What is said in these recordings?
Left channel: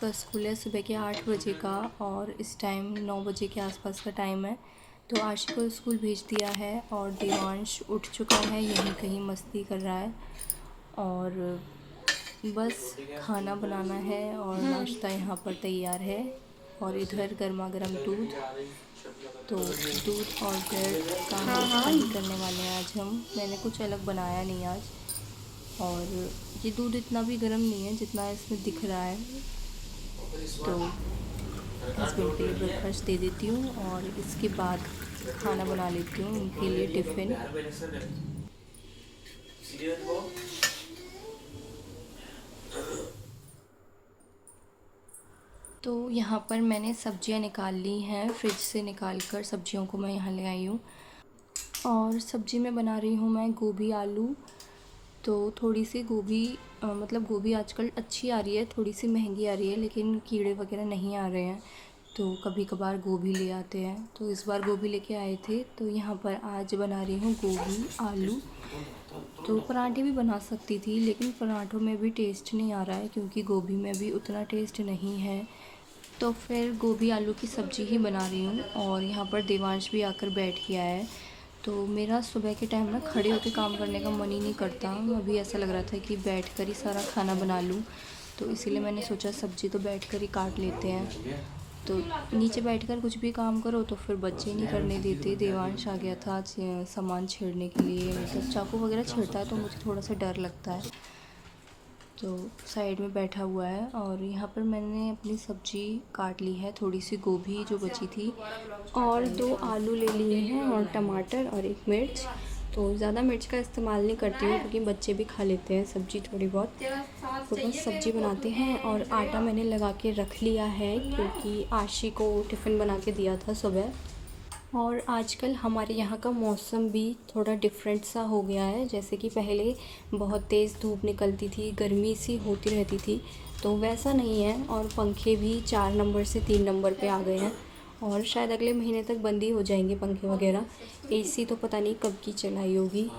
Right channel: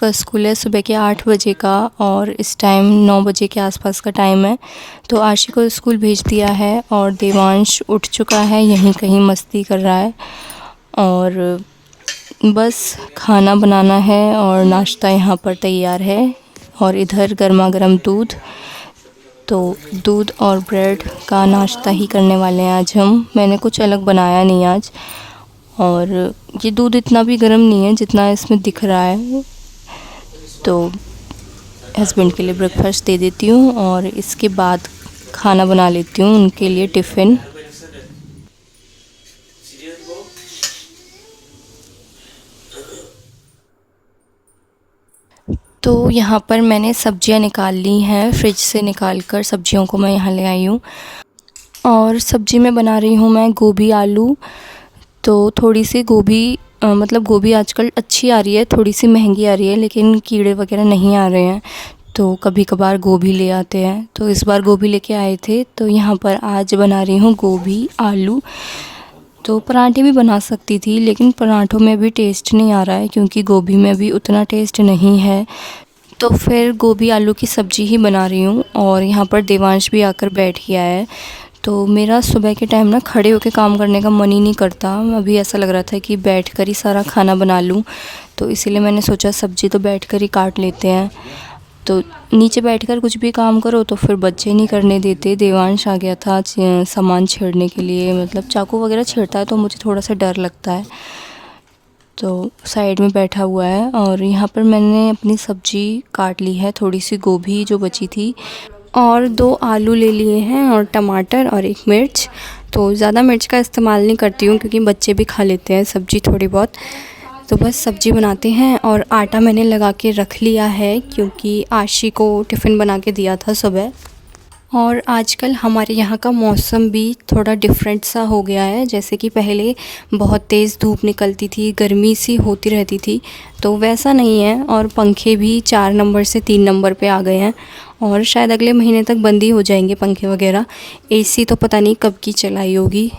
का स्कूल है सुबह के 8 बजे का और इस टाइम 9 बजे के आसपास का टाइम है। तो आशी को स्कूल भेज दिया है और देवांश उठ चुका है, यहीं कहीं मस्ती कर रहा है। और बस खाना बनाना है और नाश्ता यहाँ पर तैयार है। और इधर गर्मा गर्म दूध, तो दूध और ब्रेड का नाश्ता ही करने वाले हैं आज हम। मैंने कुछ अलग बनाया नहीं आज। और ये दूध इतना भी गर्म नहीं है जितना इसमें दिख रहा है। तो हस्बैंड के लिए ब्रेकफास्ट दे देती हूँ और इसके बाद खाना बना लेती हूँ उनके लिए टिफ़िन। तो यहाँ पर मैंने सब्जियाँ निकाल ली हैं, फ्रिज से निकाल कर सब्जियों को मैं यहाँ ले आई हूँ। और सब्जी में बना रही हूँ मैं गोभी आलू। तो थोड़ी सी गोभी मतलब गोभी आजकल अच्छी आ रही है, थोड़ी सी महंगी आ रही है, लेकिन कीड़े वगैरह नहीं आ रहे हैं। तो कभी कभार गोभी ले आते हैं, तो इस बार गोभी लेके आए थे। तो यहाँ पर आज बना रही हूँ गोभी आलू। तो पराठे भी बना सकती थी, लेकिन पराठों में भी टेस्ट नहीं आ रहा है क्योंकि गोभी में भी उतना टेस्ट नहीं है। तो फिर गोभी आलू की सब्ज़ी ही बना रही हूँ। और यहाँ पर देवांश भी आकर बैठ गया है। तो मेरा सुबह के टाइम ना खड़े होकर काम करने का मन ही नहीं करता। अभी ऐसा लग रहा था कि बैठकर ही सारा खाना बना लूँ, तो इसीलिए मैंने सोचा सब्ज़ी तो बैठकर ही काट लेते हैं। तो नीचे बैठकर कुछ भी काम करो तो फिर बच्चे नहीं करने देते। देवांश आ गया था सामान छेड़ने के लिए, मतलब चाकू वगैरह छेड़ता है तो मुझे थोड़ा सा डर लगता है। तो साइड में बैठा हुआ है। और यहाँ पर मैंने अपनी सब्ज़ी काट ली है, थोड़ी सी गोभी जो बची थी और 2 आलू ले लिए हैं और टमाटर और 1 मिर्च। तो ज़्यादा मिर्च का इस्तेमाल नहीं करती हूँ क्योंकि बच्चे भी खा लेते हैं सब्ज़ी थोड़ी बहुत। तो बस सब्ज़ी बनाते हैं। और आटा मैंने लगा के रख लिया है क्योंकि आशी को टिफ़िन बना के दिया था सुबह। और आजकल हमारे यहाँ का मौसम भी थोड़ा डिफरेंट सा हो गया है। जैसे कि पहले बहुत तेज़ धूप निकलती थी, गर्मी सी होती रहती थी, तो वैसा नहीं है। और पंखे भी 4 नंबर से 3 नंबर पे आ गए हैं और शायद अगले महीने तक बंद ही हो जाएंगे पंखे वगैरह। एसी तो पता नहीं कब की चलाई होगी।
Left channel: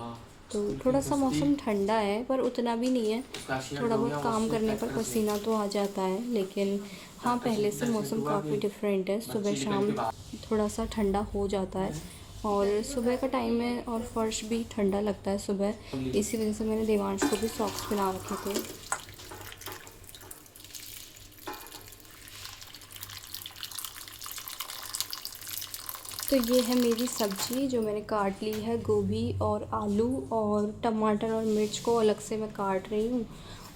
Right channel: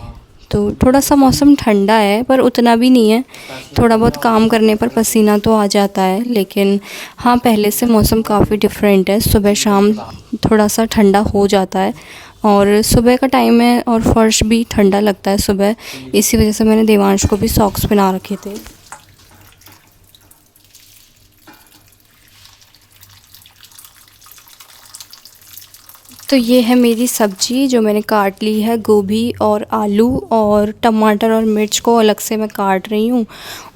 तो थोड़ा सा मौसम ठंडा है पर उतना भी नहीं है। थोड़ा बहुत काम करने पर पसीना तो आ जाता है, लेकिन हाँ पहले से मौसम काफ़ी डिफरेंट है। सुबह शाम थोड़ा सा ठंडा हो जाता है और सुबह का टाइम है और फर्श भी ठंडा लगता है सुबह। इसी वजह से मैंने देवांश को भी सॉक्स पहना रखे थे। तो ये है मेरी सब्ज़ी जो मैंने काट ली है, गोभी और आलू और टमाटर और मिर्च को अलग से मैं काट रही हूँ।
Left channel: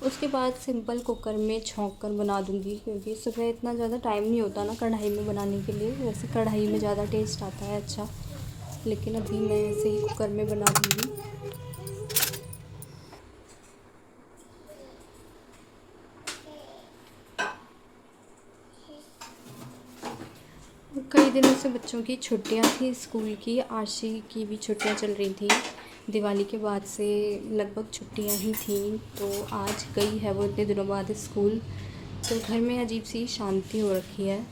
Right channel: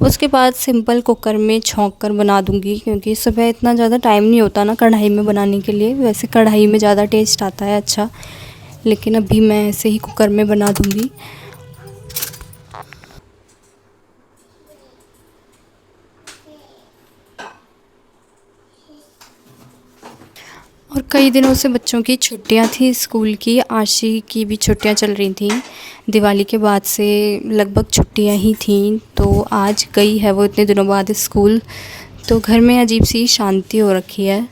उसके बाद सिंपल कुकर में छौंक कर बना दूँगी क्योंकि सुबह इतना ज़्यादा टाइम नहीं होता ना कढ़ाई में बनाने के लिए। वैसे कढ़ाई में ज़्यादा टेस्ट आता है अच्छा, लेकिन अभी मैं ऐसे ही कुकर में बना दूँगी। और कई दिनों से बच्चों की छुट्टियां थी स्कूल की, आशी की भी छुट्टियां चल रही थी। दिवाली के बाद से लगभग छुट्टियां ही थीं, तो आज गई है वो इतने दिनों बाद स्कूल। तो घर में अजीब सी शांति हो रखी है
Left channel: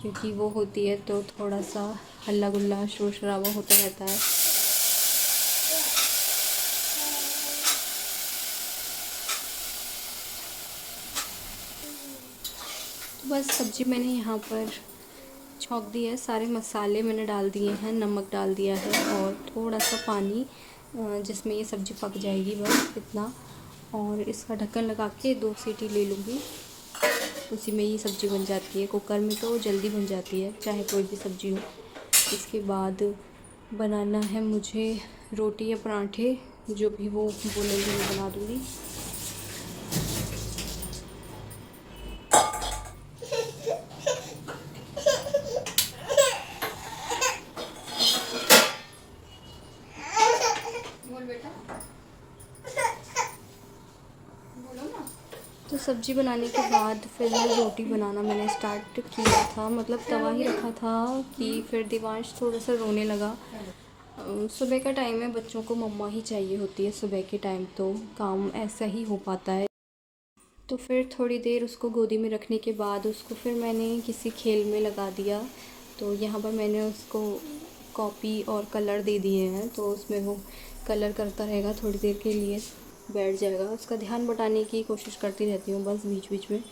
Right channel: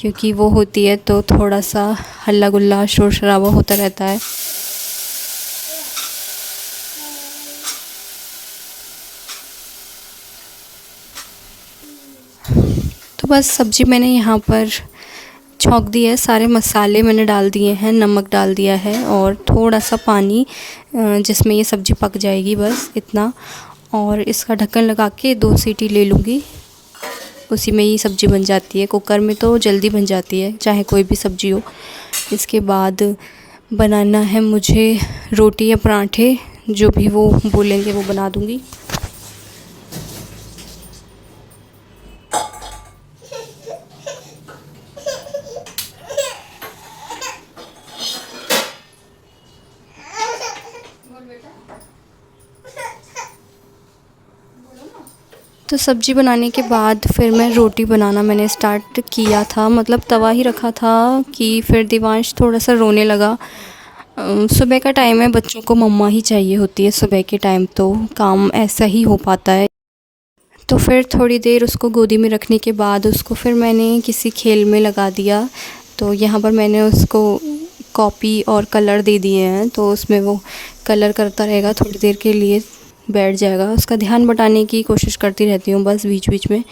क्योंकि वो होती है तो थोड़ा सा हल्ला गुल्ला शोर शराबा होता रहता है। तो बस सब्ज़ी मैंने यहाँ पर छौंक दी है, सारे मसाले मैंने डाल दिए हैं, नमक डाल दिया है और थोड़ा सा पानी जिसमें ये सब्ज़ी पक जाएगी, बस इतना। और इसका ढक्कन लगा के 2 सीटी ले लूँगी, उसी में ही सब्ज़ी बन जाती है। कुकर में तो जल्दी बन जाती है चाहे कोई भी सब्ज़ी हो। इसके बाद बनाना है मुझे रोटी या पराठे, जो भी वो बोलेंगे वो बना दूँगी। तो सब्ज़ी बनाने के बाद फिर मैं रोटी बनाना मैंने स्टार्ट किया था, मतलब तवा ही रखा था कि फिर देवांश थोड़ा सा रोने लगा। सुबह का टाइम है, बच्चों को मम्मा ही चाहिए होती है सुबह के टाइम, तो काम ऐसा ही हो पाता है। तो फिर थोड़ी देर उसको गोदी में रखने के बाद उसको फिर मैंने किसी खेल में लगा दिया। तो यहाँ पर मैंने उसको कॉपी और कलर दे दिए हैं, तो उसमें वो कलर करता रहेगा, थोड़ी देर के लिए बैठ जाएगा। उसका ध्यान बटाने की कोशिश करती रहती हूँ बस बीच बीच में,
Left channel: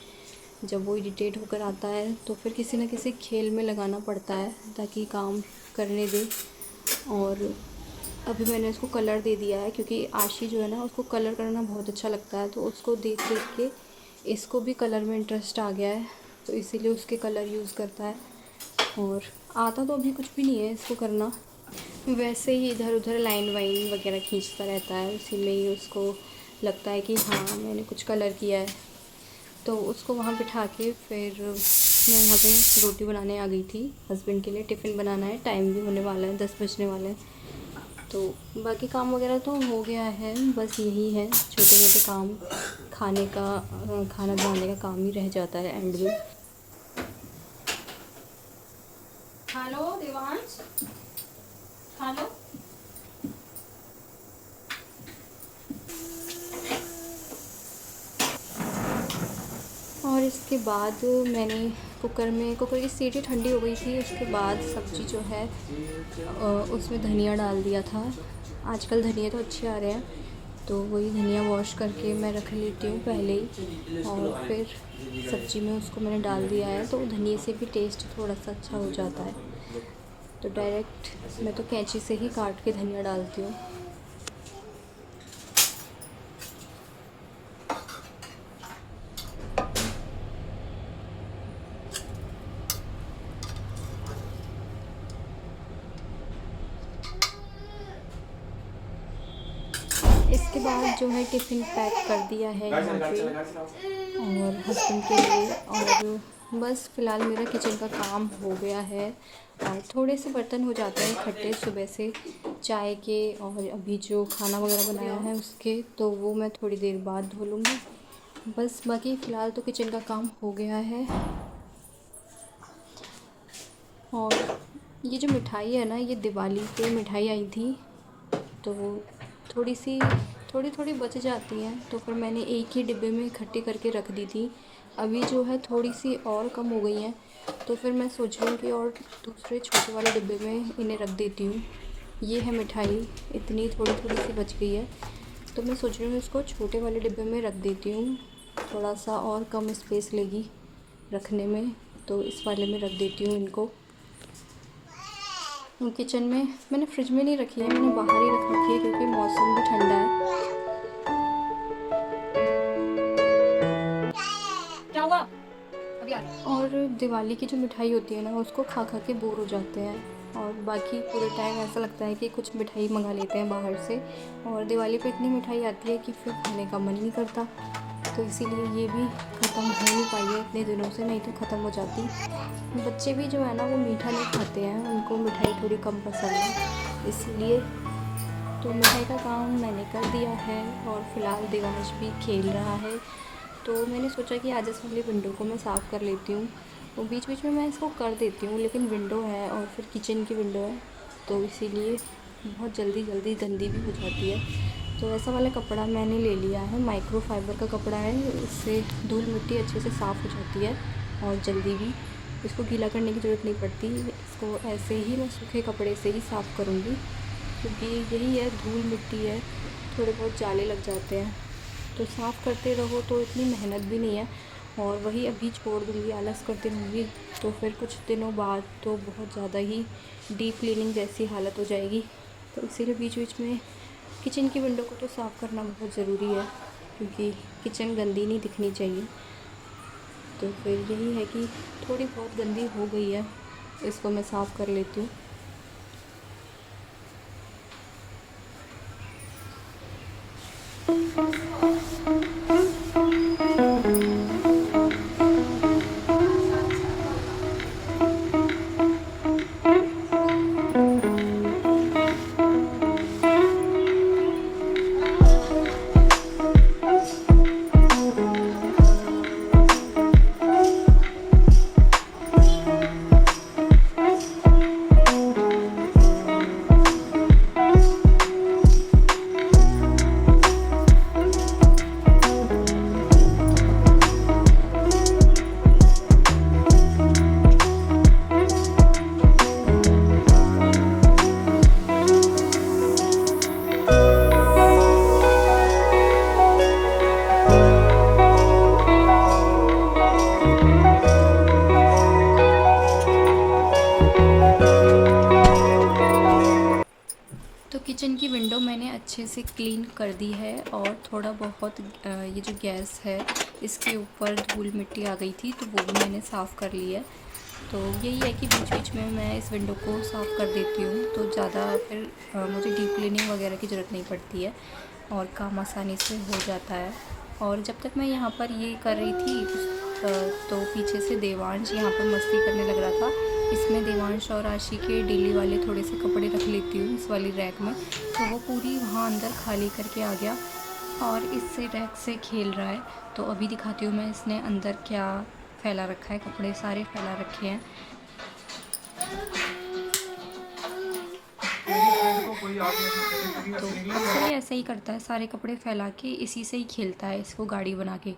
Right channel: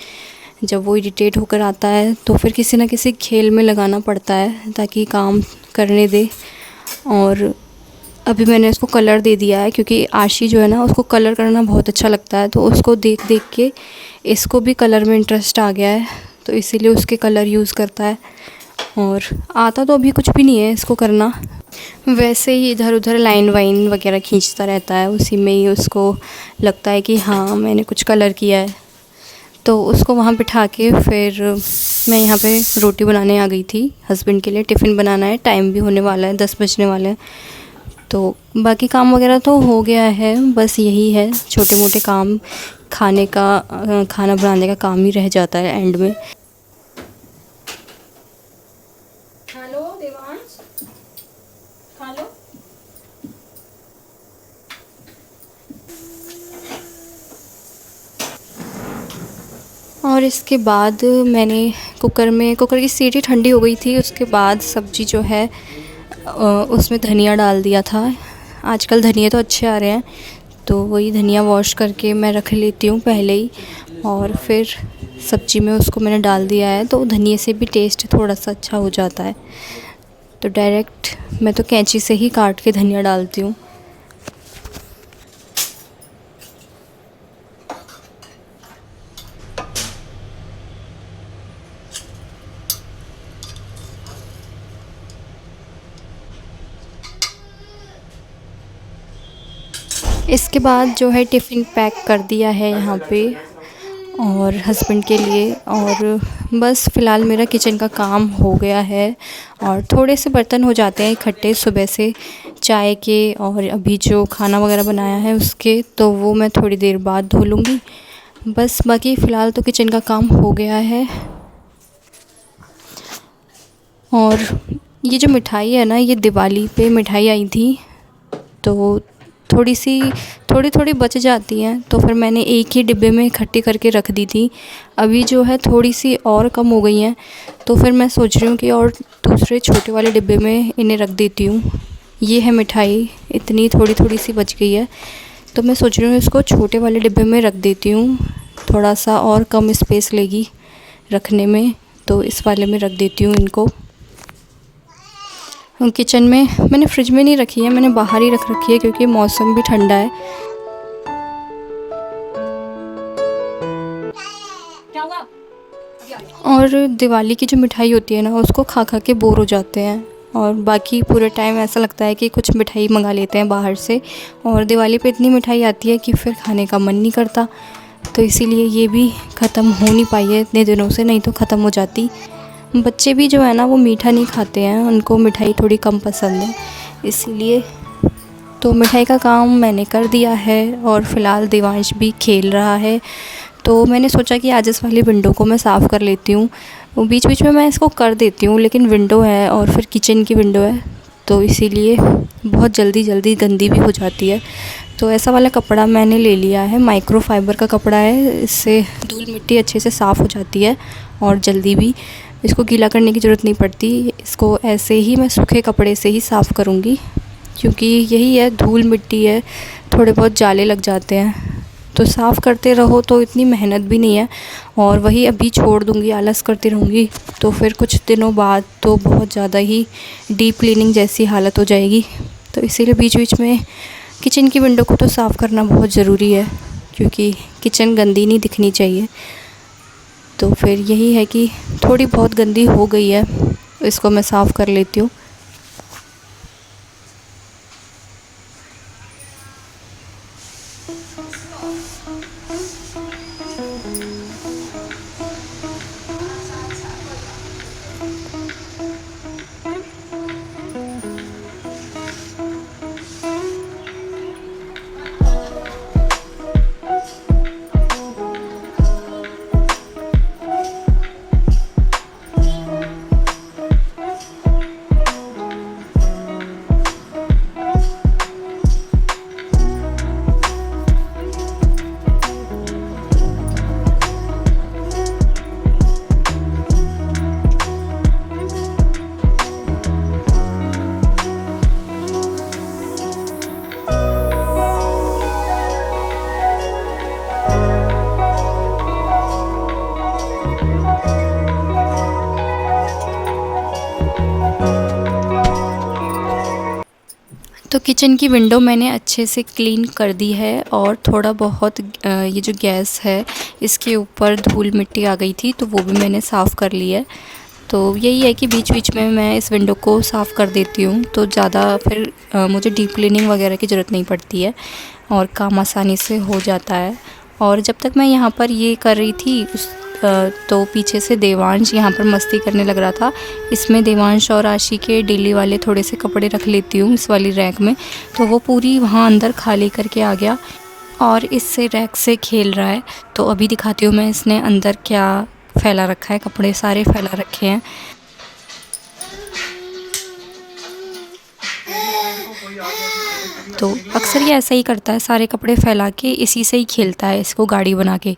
जब वो इरिटेट होकर आता है तो फिर किसी न किसी खेल में लगाना पड़ता है ताकि काम करने दे। और अभी मैंने इसको कलर दे दिया है क्योंकि आशी जो है ना उसको कलर करना बहुत अच्छा लगता है, तो उसको देख देख के इसको भी कलर में इंटरेस्ट आ गया है, तो इसीलिए उसके कलर यूज़ करता है। और आता तो अभी कुछ भी नहीं है इसको करना, वैसे ही इधर उधर लाइन वाइन वगैरह खींचता रहता है, उसी में ही उसको लगता है कि हाँ मैंने कुछ कलर किया है। तो उसको वहाँ बिठा के फिर मैं यहाँ पे रोटी बनाने आ गई थी हस्बैंड के लिए, टिफ़िन बनाना है, टाइम भी होने वाला है, 10 बजने वाले हैं। तो बाकी काम वगैरह तो हो गया है, बस यही है छोटे मोटे काम, खाना बनाने का काम ही रह जाता है एंड में। Hello Devansh, hello. और इसके बाद मैंने कुकर की सीटी ठंडी हो गई थी, उसके बाद सब्ज़ी जो है उसमें धनिया डाल दिया था। आजकल धनिया तो अच्छे आ रहे हैं, तो वही धनिया वॉश करके मैं रख लेती हूँ पहले ही, और फिर सब्ज़ी में उसको मैंने डाल दिया है, तो धनिया से भी टेस्ट थोड़ा सा अच्छा हो जाता है। तो डायरेक्ट मैं तो कैंची से ही काट के धनिया डालती हूँ। इसके बाद जो है टिफ़िन पैक कर दिया है यहाँ पे और हस्बैंड के लिए, और बस फ़िलहाल मेरा किचन का काम हो गया है। और थोड़े से बर्तन हो जाते हैं इकट्ठे सुबह से चाय के, और अभी जो खाना वगैरह बनाया है उसके, तो वो मैं थोड़ी देर बाद धो लूँगी। बस बाकी फ़िलहाल तो किचन का काम हो गया है। और ये जो मिठाई है ना, ये दिवाली पे मिठाई आई थी, तो थोड़ी थोड़ी बच जाती हैं, तो फिर मैंने एक ही डिब्बे में इकट्ठी करके रख दी थी। अभी जो है थोड़ी सी और कम हो गई हैं, तो फिर मैं सोच रही हूँ कि और दूसरे छोटे वाले डिब्बे में इन्हें रख देती हूँ। ये है मिठाई, इतनी थोड़ी थोड़ी सी बच गई है, तो मैं सोच रही हूँ इसको छोटे वाले डिब्बे में रख देती हूँ, थोड़ा सा और कम स्पेस लेगी रखने में, तो इस वाले में रख देती हूँ इनको। किचन में मैंने फ्रिज में नहीं रखी है, मैंने बाहर ही रख रखी है क्योंकि मौसम भी ठंडा है। और दिवाली की जो मिठाई होती है ना, उसको खा खा के बोर हो जाते हैं, और बाकी पूरे टाइम ऐसा लगता है कि कुछ मिठाई मंगा लेते हैं बाहर से, और दिवाली पे इतनी मिठाई आती है कि फिर खाने का मन नहीं करता। तो इसीलिए ये भी ख़त्म हो नहीं पाई है इतने दिनों से, नहीं तो ख़त्म हो जाती। बच्चे भी जो है ना वो मीठा नहीं खाते हैं, उनको मिठाई थोड़ी कम पसंद है, इसीलिए। तो मिठाई का काम मैंने कर दिया है, और फ़िलहाल देवांश भी खेल रहा है, तो मैंने सोचा कि आज इस वाली विंडो को मैं साफ़ कर लेती हूँ। वो बीच बीच में मैं इसको कर देती हूँ, लेकिन विंडो है और फिर किचन की विंडो है, तो इसीलिए बहुत जल्दी गंदी भी हो जाती है। तो ऐसा वाला कपड़ा मैंने ले लिया है, माइक्रो फाइबर का कपड़ा है, इससे धूल मिट्टी अच्छे से साफ़ हो जाती है और जल्दी भी, इसको गीला करने की ज़रूरत नहीं पड़ती। इसको ऐसे ही मैं सूखे कपड़े से ही साफ़ करूँगी, क्योंकि यही है, धूल मिट्टी है, थोड़े बहुत जाले लग जाते हैं, तो साफ़ करते रहो तो इतनी मेहनत भी नहीं है। और वही अभी छोड़ दूँगी, आलस करती रहूँगी, तो फिर कुछ दिनों बाद तो बहुत ज़्यादा ही डीप क्लीनिंग जैसी हालत हो जाएगी। तो इसीलिए बीच बीच में किचन की विंडो को तो साफ़ करना बहुत ज़रूरी है, क्योंकि किचन गंदी नहीं दिखनी चाहिए। तो फिर यही है कि थोड़ी बहुत गंदी हो गई है, इसको मैं साफ़ कर लेती हूँ। तो किचन की विंडो मैंने अच्छे से क्लीन कर दी है और थोड़ा बहुत ये जो गैस है इसके ऊपर धूल मिट्टी आ गई थी तो वो भी मैंने साफ़ कर ली है। तो यही है कि बीच बीच में मैं इस विंडो को साफ़ कर देती हूँ तो ज़्यादा फिर मुझे डीप क्लीनिंग वगैरह की ज़रूरत नहीं पड़ती है और काम आसानी से हो जाता है। और जब तक मैं यहाँ पर ये कर रही थी तो पीछे से देवांश यहाँ पर मस्ती करने लग रहा था। इसमें देवांश और आशी के डेली वाले थोड़े से कपड़े रख लेती हूँ इस वाली रैक में, तो वो पूरी वहाँ अंदर खाली करके आ गया और इससे रैक से खेल रहा है। तो अभी दिखाती हूँ मैं इसने अंदर क्या फैला रखा है, कपड़े सारे फैला रखे हैं। तो अक्सर ये ऐसा ही करता है, सारे कपड़े फैला के इसी से ही खेलता है, इसको गाड़ी बना के।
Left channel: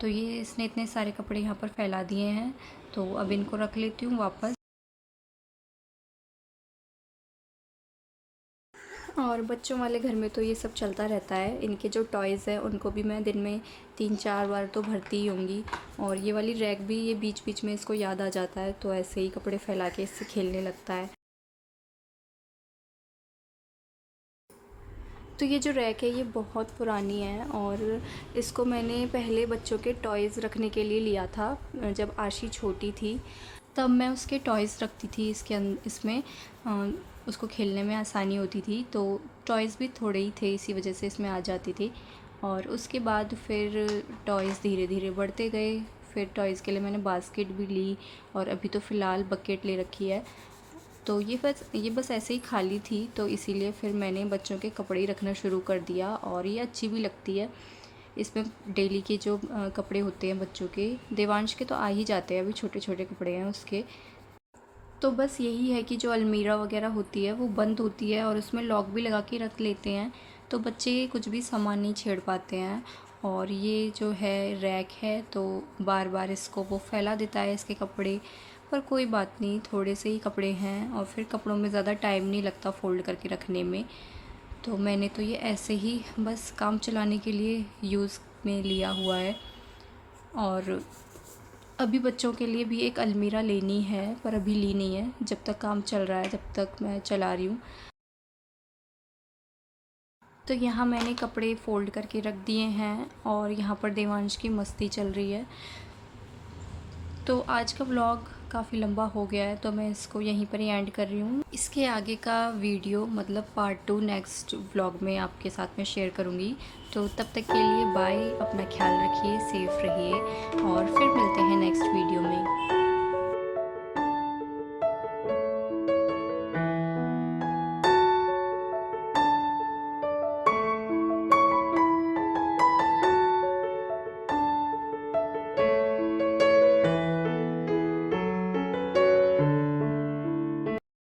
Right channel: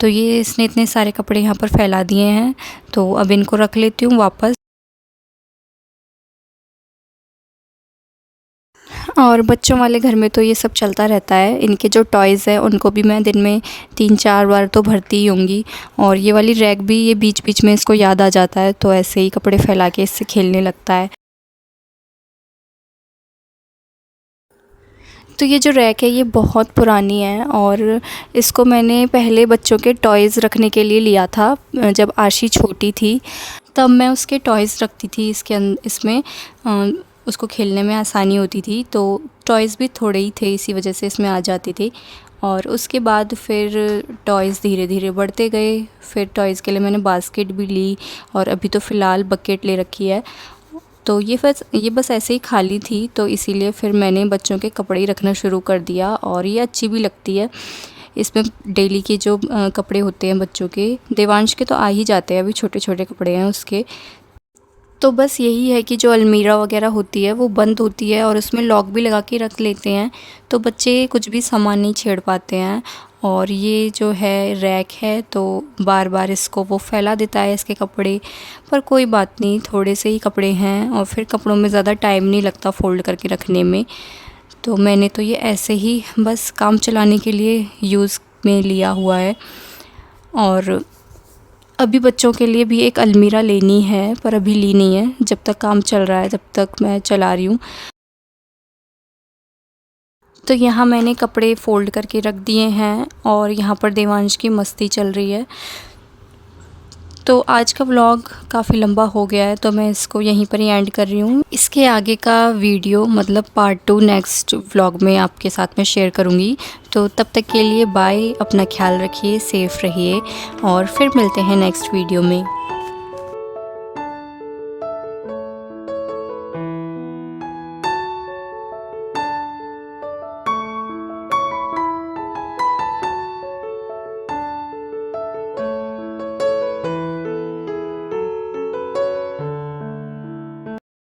तो ये इसने इतने सारे कपड़े यहाँ पर फैला दिए हैं तो अब इनको रख लेती हूँ वापस। और बच्चों वाले घर में तो ये सब चलता रहता है। इनके जो टॉयज़ हैं उनको भी मैं दिन में 3-4 बार तो भरती ही होंगी। और ये वाली रैक भी ये बीच बीच में इसको याद आ जाता है तो ऐसे ही कपड़े फैला के इससे खेलने लगता है। तो ये जो रैक है ये बहुत पुरानी है और इसको मैंने पहले बच्चों के टॉयज़ रखने के लिए लिया था जब आशी छोटी थी, तब मैं उसके टॉयज़ रखती थी इसमें उसको खेलने में आसानी होती थी। तो टॉयज़ भी थोड़े ही थे इसी वजह से इसमें आ जाती थी। और उसके बाद फिर टॉयज़ धीरे धीरे बढ़ते गए, फिर टॉयज़ के लिए मैंने बास्केट भी ली और अभी तो फ़िलहाल बकेट ले रखी है। तो ये बस ऐसे ही खाली थी तो इसीलिए फिर मैंने बच्चों के कपड़े ही रखना शुरू कर दिया और ये अच्छी भी लगती है। इसमें डेली के जो कपड़े होते हैं बच्चों के, देवांश के तो आ ही जाते हैं, अभी छोटे छोटे कपड़े हैं उसके। तो बस यही है कि जो अलमीरा वगैरह होती है वो बंद होती है और उसमें लॉक भी लगा के रख लेते हैं तो बच्चे कुछ भी सामान नहीं छेड़ पाते हैं। और ये जो है रैक है तो बार बार इसको वो फैला देता है इसके कपड़े, पर कोई बात नहीं, थोड़े से ही कपड़े हैं और फिर कपड़ों में ज़्यादा टाइम नहीं लगता फ़ोल्ड करके रखने में। तो मैंने तो ये ऐसे ही बस काम चलाने के लिए यूज़ में लिया हुआ है। और अभी बच्चों के लिए भी एक अलमीरा लेनी है पर अभी ली नहीं है, जब तक काम चल रहा है, जब तक मैं चला रही हूँ। तो यहाँ मैंने कपड़े फ़ोल्ड करके रख दिए हैं और यहाँ पर देवांश की मस्ती चल रही है। तो आज का व्लॉग काफ़ी लंबा हो गया है तो मैं इसको यहीं पर ही एंड कर रही हूँ। इसके आगे का वीडियो मतलब पार्ट 2 नेक्स्ट व्लॉग में आपके साथ में शेयर करूँगी। तो तब तक के लिए बाय, अपना ख्याल रखिए, सेफ़ रहिए और फिर मिलते हैं नेक्स्ट वीडियो में।